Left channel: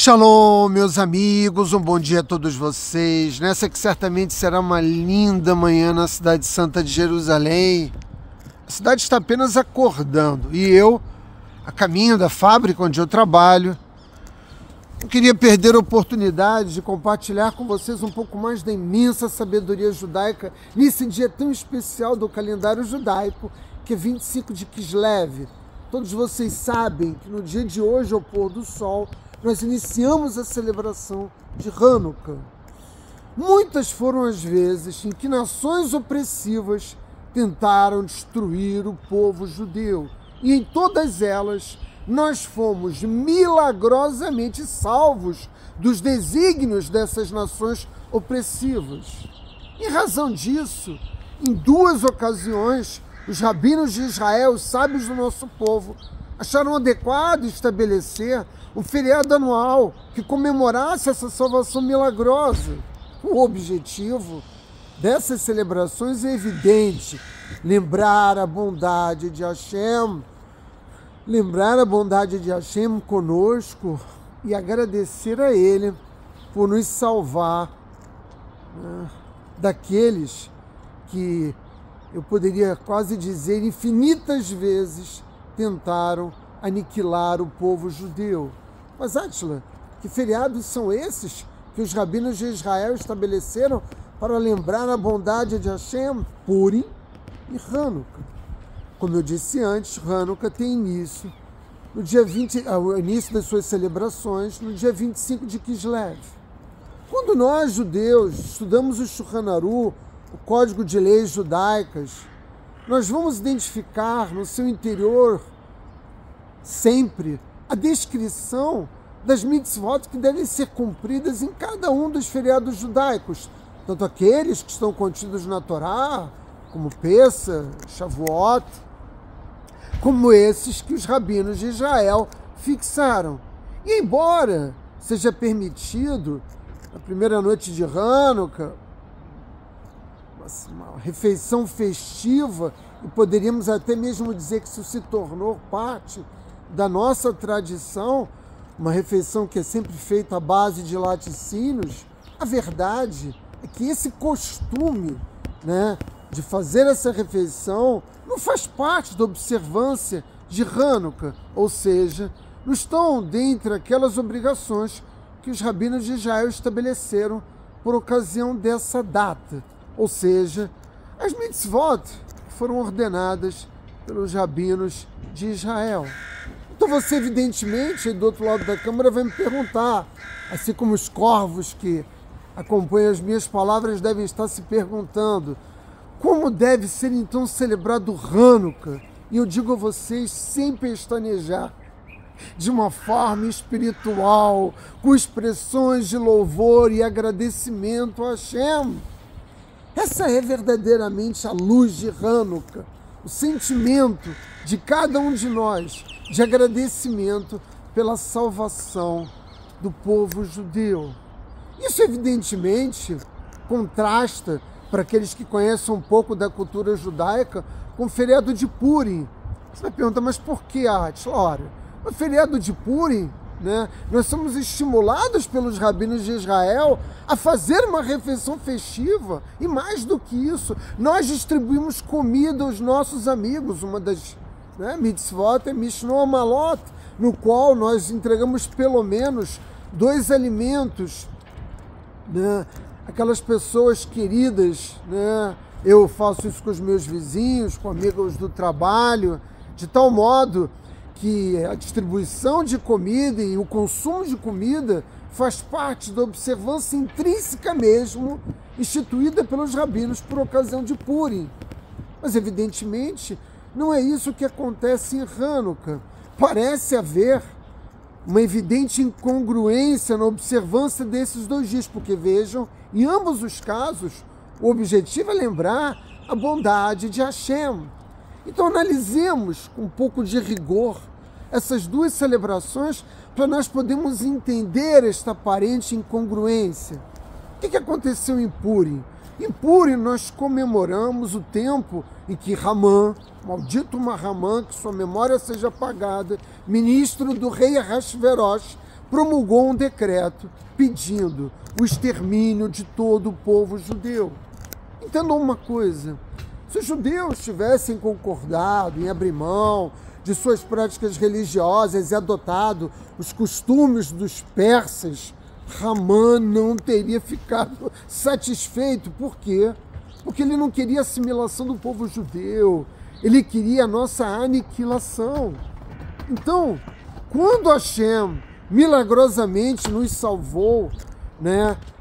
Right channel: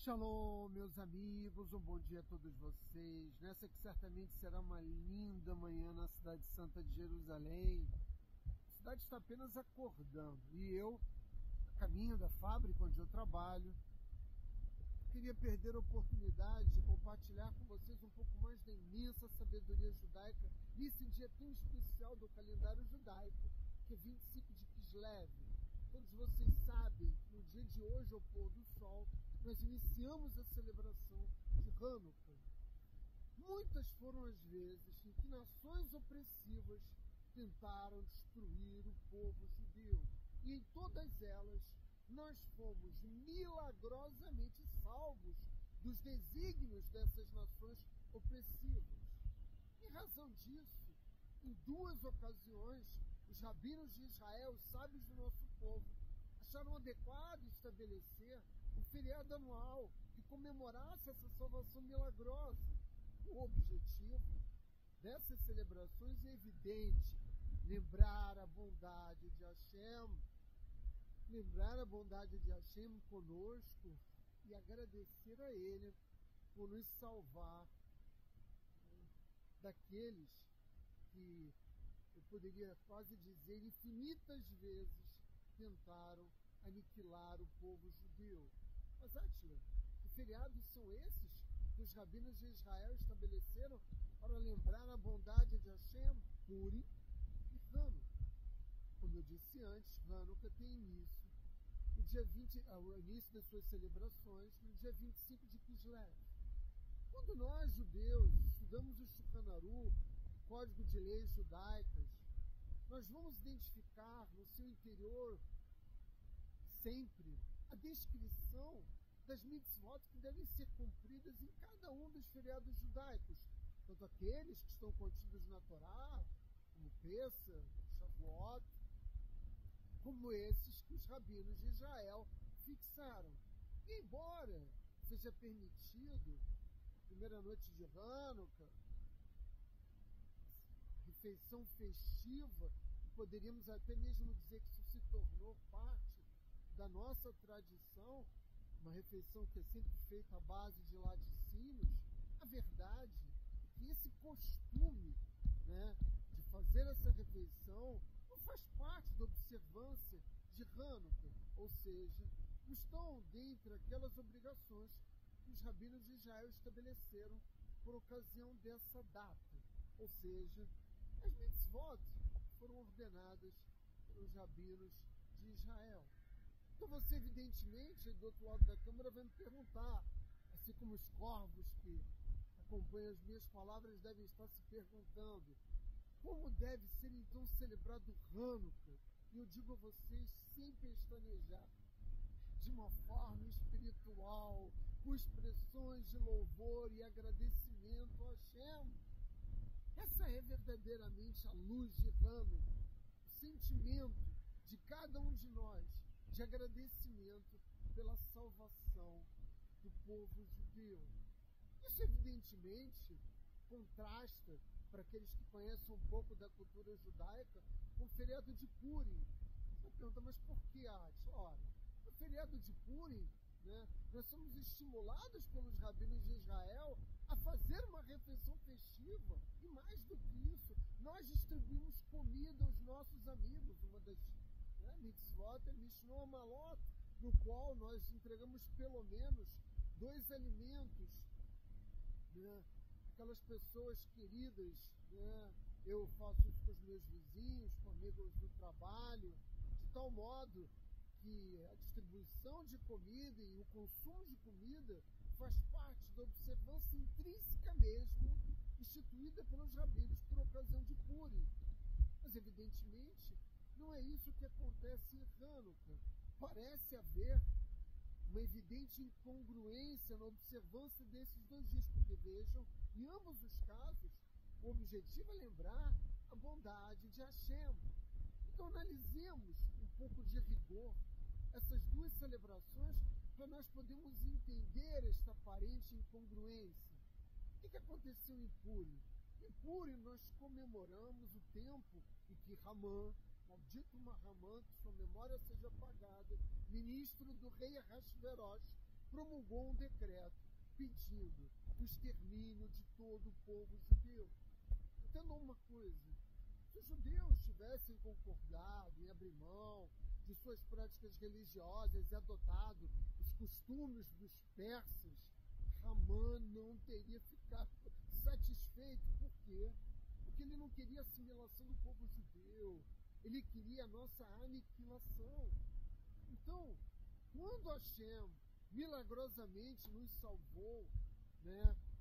Shalom, meus amigos, um bom dia a todos vocês. Nessa que certamente será uma linda manhã na cidade santa de Jerusalém. A cidade está apenas acordando e eu, a caminho da fábrica onde eu trabalho, não queria perder a oportunidade de compartilhar com vocês um pouco mais da imensa sabedoria judaica nesse dia tão especial do calendário judaico, que é 25 de Kislev. Todos vocês sabem que no dia de hoje, ao pôr do sol, nós iniciamos a celebração de Hanukkah. Muitas foram as vezes em que nações opressivas tentaram destruir o povo judeu. E em todas elas, nós fomos milagrosamente salvos dos desígnios dessas nações opressivas. Em razão disso, em duas ocasiões, os rabinos de Israel, os sábios do nosso povo, acharam adequado estabelecer um feriado anual que comemorasse essa salvação milagrosa. O objetivo dessas celebrações é evidente: lembrar a bondade de Hashem, conosco e agradecer a Ele por nos salvar, daqueles que, eu poderia quase dizer, infinitas vezes tentaram aniquilar o povo judeu. Mas, Átila, que feriados são esses que os rabinos de Israel estabeleceram para lembrar a bondade de Hashem? Purim e Hanukkah. Como eu disse antes, Hanukkah tem início no dia 20, o início das suas celebrações, no dia 25 de Kislev. Quando nós, judeus, estudamos o Shulchan Aruch, o Código de Leis Judaicas, nós vamos identificar no seu interior sempre a descrição das mitzvot que devem ser cumpridas em cada um dos feriados judaicos, tanto aqueles que estão contidos na Torá, como Pessah, Shavuot, como esses que os rabinos de Israel fixaram. E embora seja permitido, na primeira noite de Hanukkah, uma refeição festiva, e poderíamos até mesmo dizer que isso se tornou parte da nossa tradição, uma refeição que é sempre feita à base de laticínios, a verdade é que esse costume, de fazer essa refeição não faz parte da observância de Hanukkah, ou seja, não estão dentre aquelas obrigações que os rabinos de Israel estabeleceram por ocasião dessa data, ou seja, as mitzvot que foram ordenadas pelos rabinos de Israel. Então você, evidentemente, do outro lado da câmara, vai me perguntar, assim como os corvos que acompanham as minhas palavras devem estar se perguntando, como deve ser então celebrado Hanukkah? E eu digo a vocês, sem pestanejar, de uma forma espiritual, com expressões de louvor e agradecimento a Hashem. Essa é verdadeiramente a luz de Hanukkah, o sentimento de cada um de nós, de agradecimento pela salvação do povo judeu. Isso, evidentemente, contrasta, para aqueles que conhecem um pouco da cultura judaica, com o feriado de Purim. Você vai perguntar, mas por que, Átila? Ora, o feriado de Purim, nós somos estimulados pelos rabinos de Israel a fazer uma refeição festiva, e mais do que isso, nós distribuímos comida aos nossos amigos. Uma das mitzvot é Mishno Malot, no qual nós entregamos pelo menos 2 alimentos, aquelas pessoas queridas, Eu faço isso com os meus vizinhos, com amigos do trabalho, de tal modo que a distribuição de comida e o consumo de comida faz parte da observância intrínseca mesmo, instituída pelos rabinos por ocasião de Purim. Mas, evidentemente, não é isso que acontece em Hanukkah. Parece haver uma evidente incongruência na observância desses 2 dias, porque, vejam, em ambos os casos, o objetivo é lembrar a bondade de Hashem. Então, analisemos com um pouco de rigor essas 2 celebrações para nós podermos entender esta aparente incongruência. O que aconteceu em Purim? Em Purim nós comemoramos o tempo em que Ramã, maldito Ramã, que sua memória seja apagada, ministro do rei Ahasverosh, promulgou um decreto pedindo o extermínio de todo o povo judeu. Entendam uma coisa, se os judeus tivessem concordado em abrir mão de suas práticas religiosas e adotado os costumes dos persas, Ramã não teria ficado satisfeito. Por quê? Porque ele não queria a assimilação do povo judeu, ele queria a nossa aniquilação. Então, quando Hashem milagrosamente nos salvou,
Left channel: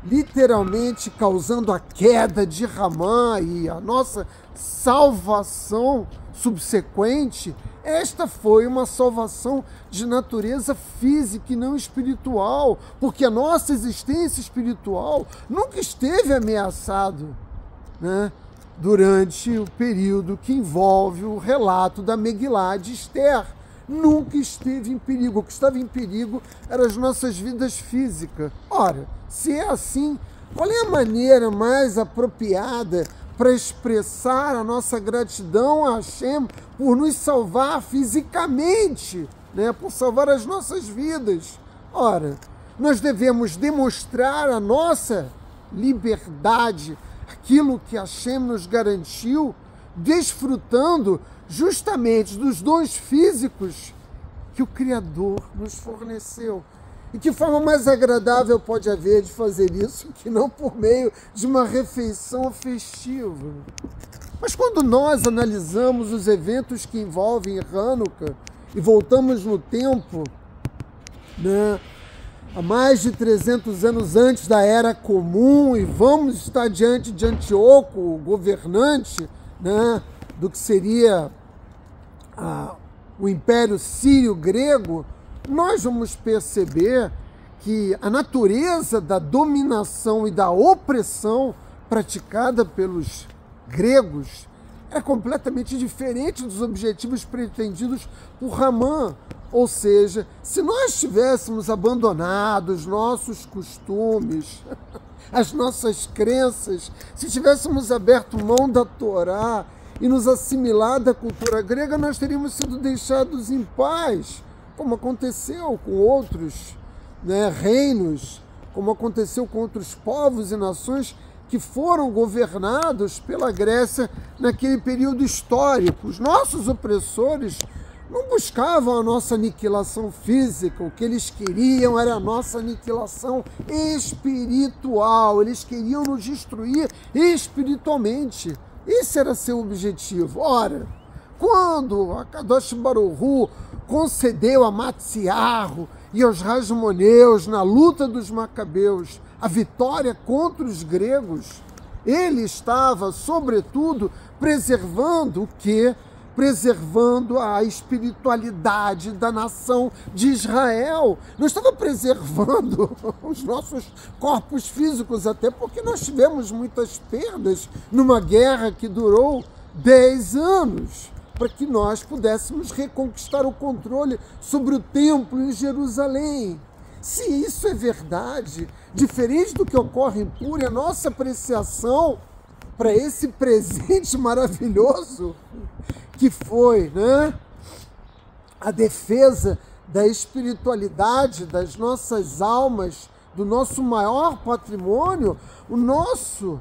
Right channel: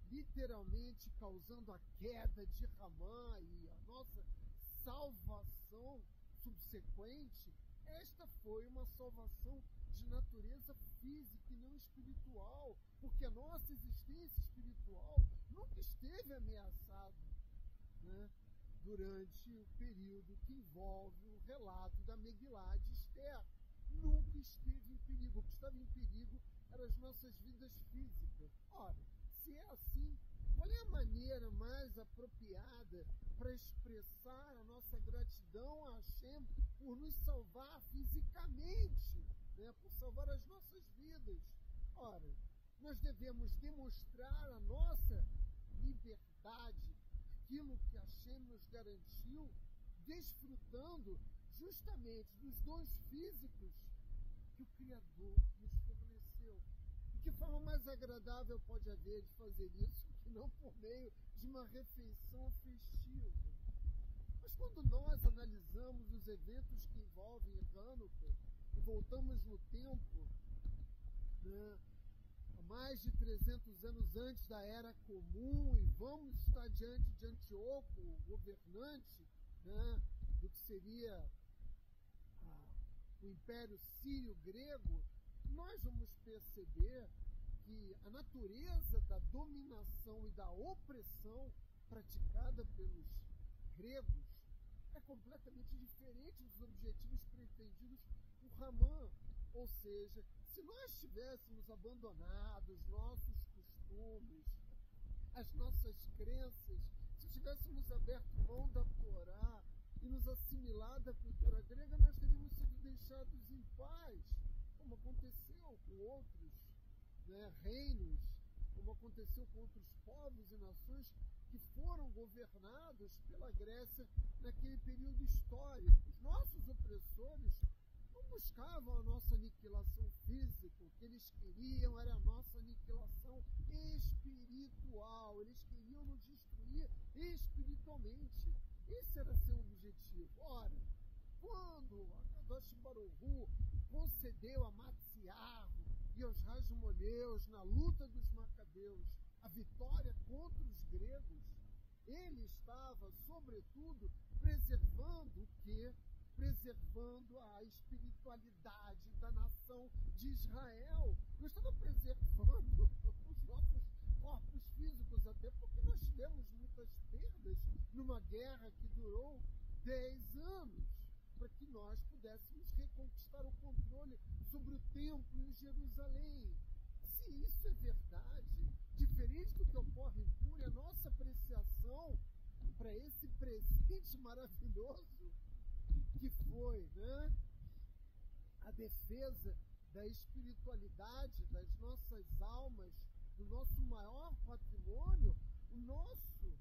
literalmente causando a queda de Ramã e a nossa salvação subsequente, esta foi uma salvação de natureza física e não espiritual, porque a nossa existência espiritual nunca esteve ameaçada, durante o período que envolve o relato da Megilá de Esther. Nunca esteve em perigo. O que estava em perigo eram as nossas vidas físicas. Ora, se é assim, qual é a maneira mais apropriada para expressar a nossa gratidão a Hashem por nos salvar fisicamente, por salvar as nossas vidas? Ora, nós devemos demonstrar a nossa liberdade, aquilo que Hashem nos garantiu, desfrutando justamente dos dons físicos que o Criador nos forneceu. E que forma mais agradável pode haver de fazer isso que não por meio de uma refeição festiva? Mas quando nós analisamos os eventos que envolvem Hanukkah e voltamos no tempo, há mais de 300 anos antes da Era Comum, e vamos estar diante de Antíoco, o governante, do que seria o Império Sírio-Grego, nós vamos perceber que a natureza da dominação e da opressão praticada pelos gregos é completamente diferente dos objetivos pretendidos por Ramã. Ou seja, se nós tivéssemos abandonado os nossos costumes, as nossas crenças, se tivéssemos aberto mão da Torá e nos assimilado à cultura grega, nós teríamos sido deixados em paz, como aconteceu com outros reinos, como aconteceu com outros povos e nações que foram governados pela Grécia naquele período histórico. Os nossos opressores não buscavam a nossa aniquilação física, o que eles queriam era a nossa aniquilação espiritual, eles queriam nos destruir espiritualmente. Esse era seu objetivo. Ora, quando a Kadosh Baruch Hu concedeu a Matsiarro e aos Rasmoneus na luta dos Macabeus a vitória contra os gregos, ele estava, sobretudo, preservando o quê? Preservando a espiritualidade da nação de Israel. Não estava preservando os nossos corpos físicos, até porque nós tivemos muitas perdas numa guerra que durou 10 anos, para que nós pudéssemos reconquistar o controle sobre o templo em Jerusalém. Se isso é verdade, diferente do que ocorre em Puri, a nossa apreciação para esse presente maravilhoso que foi a defesa da espiritualidade das nossas almas, do nosso maior patrimônio, o nosso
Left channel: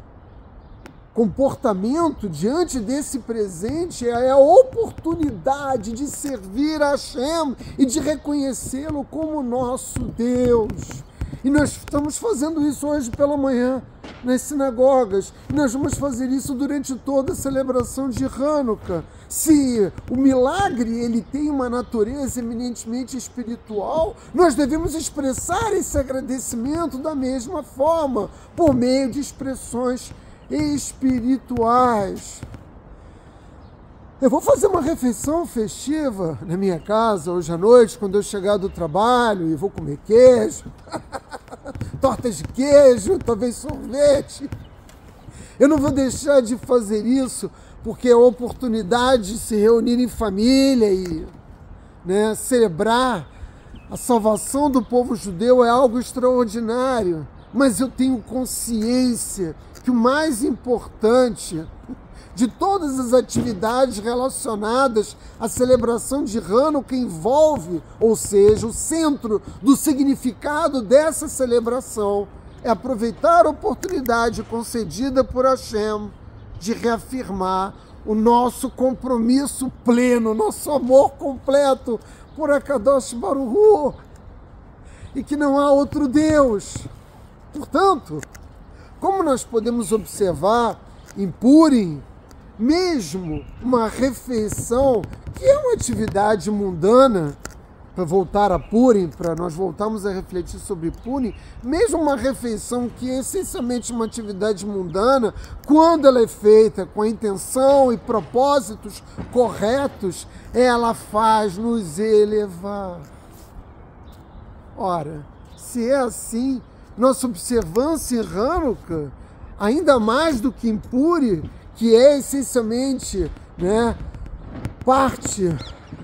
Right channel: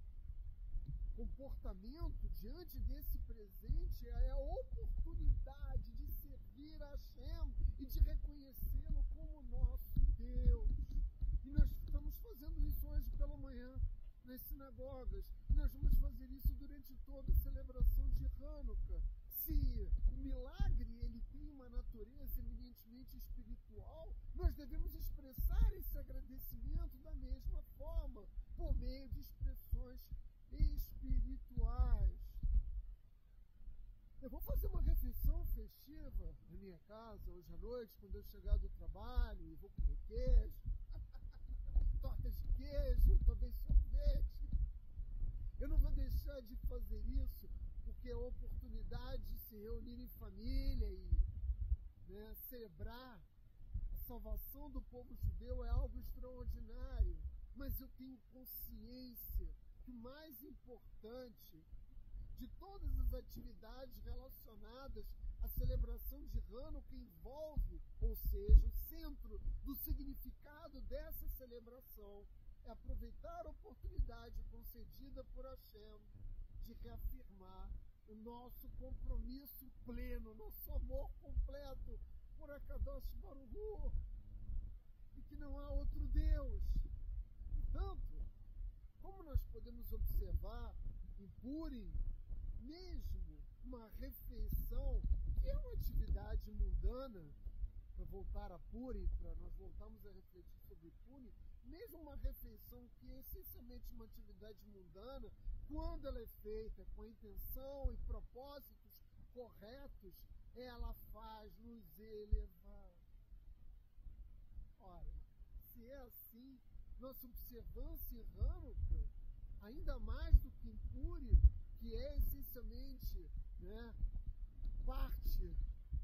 comportamento diante desse presente é a oportunidade de servir a Hashem e de reconhecê-lo como nosso Deus. E nós estamos fazendo isso hoje pela manhã nas sinagogas. E nós vamos fazer isso durante toda a celebração de Hanukkah. Se o milagre ele tem uma natureza eminentemente espiritual, nós devemos expressar esse agradecimento da mesma forma, por meio de expressões espirituais. Eu vou fazer uma refeição festiva na minha casa hoje à noite, quando eu chegar do trabalho, e vou comer queijo, tortas de queijo, talvez sorvete. Eu não vou deixar de fazer isso, porque é a oportunidade de se reunir em família e celebrar a salvação do povo judeu é algo extraordinário. Mas eu tenho consciência que o mais importante, de todas as atividades relacionadas à celebração de Hanukkah envolve, ou seja, o centro do significado dessa celebração é aproveitar a oportunidade concedida por Hashem de reafirmar o nosso compromisso pleno, nosso amor completo por Akadosh Baruch Hu, e que não há outro Deus. Portanto, como nós podemos observar em Purim, mesmo uma refeição, que é uma atividade mundana, para voltar a Purim, para nós voltarmos a refletir sobre Purim, mesmo uma refeição que é essencialmente uma atividade mundana, quando ela é feita com a intenção e propósitos corretos, ela faz nos elevar. Ora, se é assim, nossa observância em Hanukkah, ainda mais do que em Purim, que é essencialmente, parte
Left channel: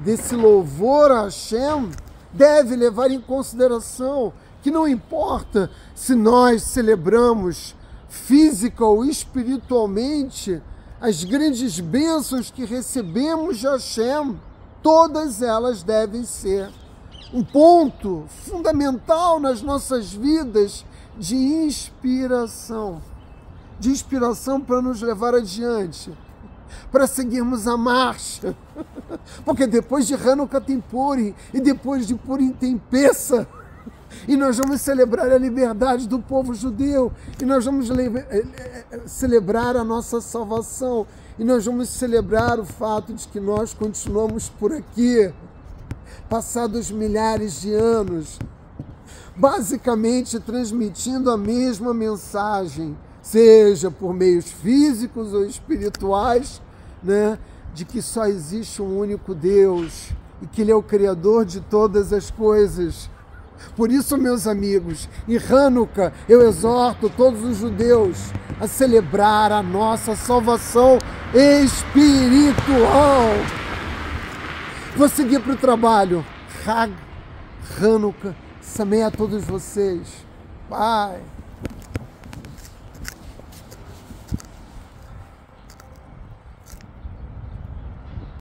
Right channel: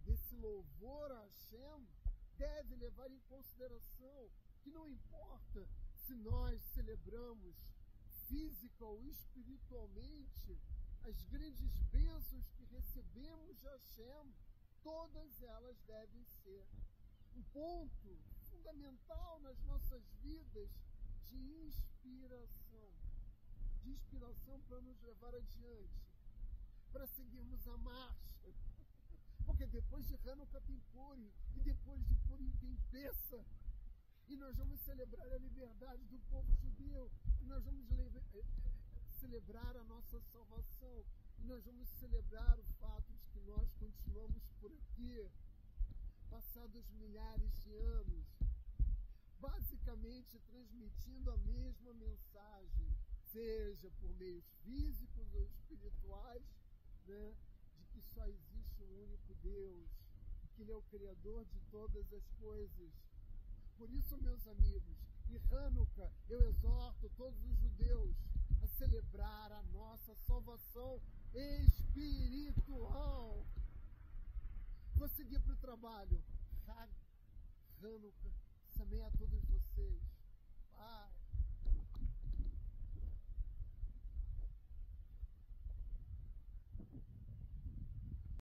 desse louvor a Hashem, deve levar em consideração que não importa se nós celebramos física ou espiritualmente as grandes bênçãos que recebemos de Hashem, todas elas devem ser um ponto fundamental nas nossas vidas de inspiração para nos levar adiante, para seguirmos a marcha, porque depois de Hanukkah tem Purim, e depois de Purim tem Pessah, e nós vamos celebrar a liberdade do povo judeu, e nós vamos celebrar a nossa salvação, e nós vamos celebrar o fato de que nós continuamos por aqui, passados milhares de anos, basicamente transmitindo a mesma mensagem, seja por meios físicos ou espirituais, de que só existe um único Deus e que Ele é o Criador de todas as coisas. Por isso, meus amigos, em Hanukkah eu exorto todos os judeus a celebrar a nossa salvação espiritual. Vou seguir para o trabalho. Hag Hanukkah Sameach a todos vocês. Pai.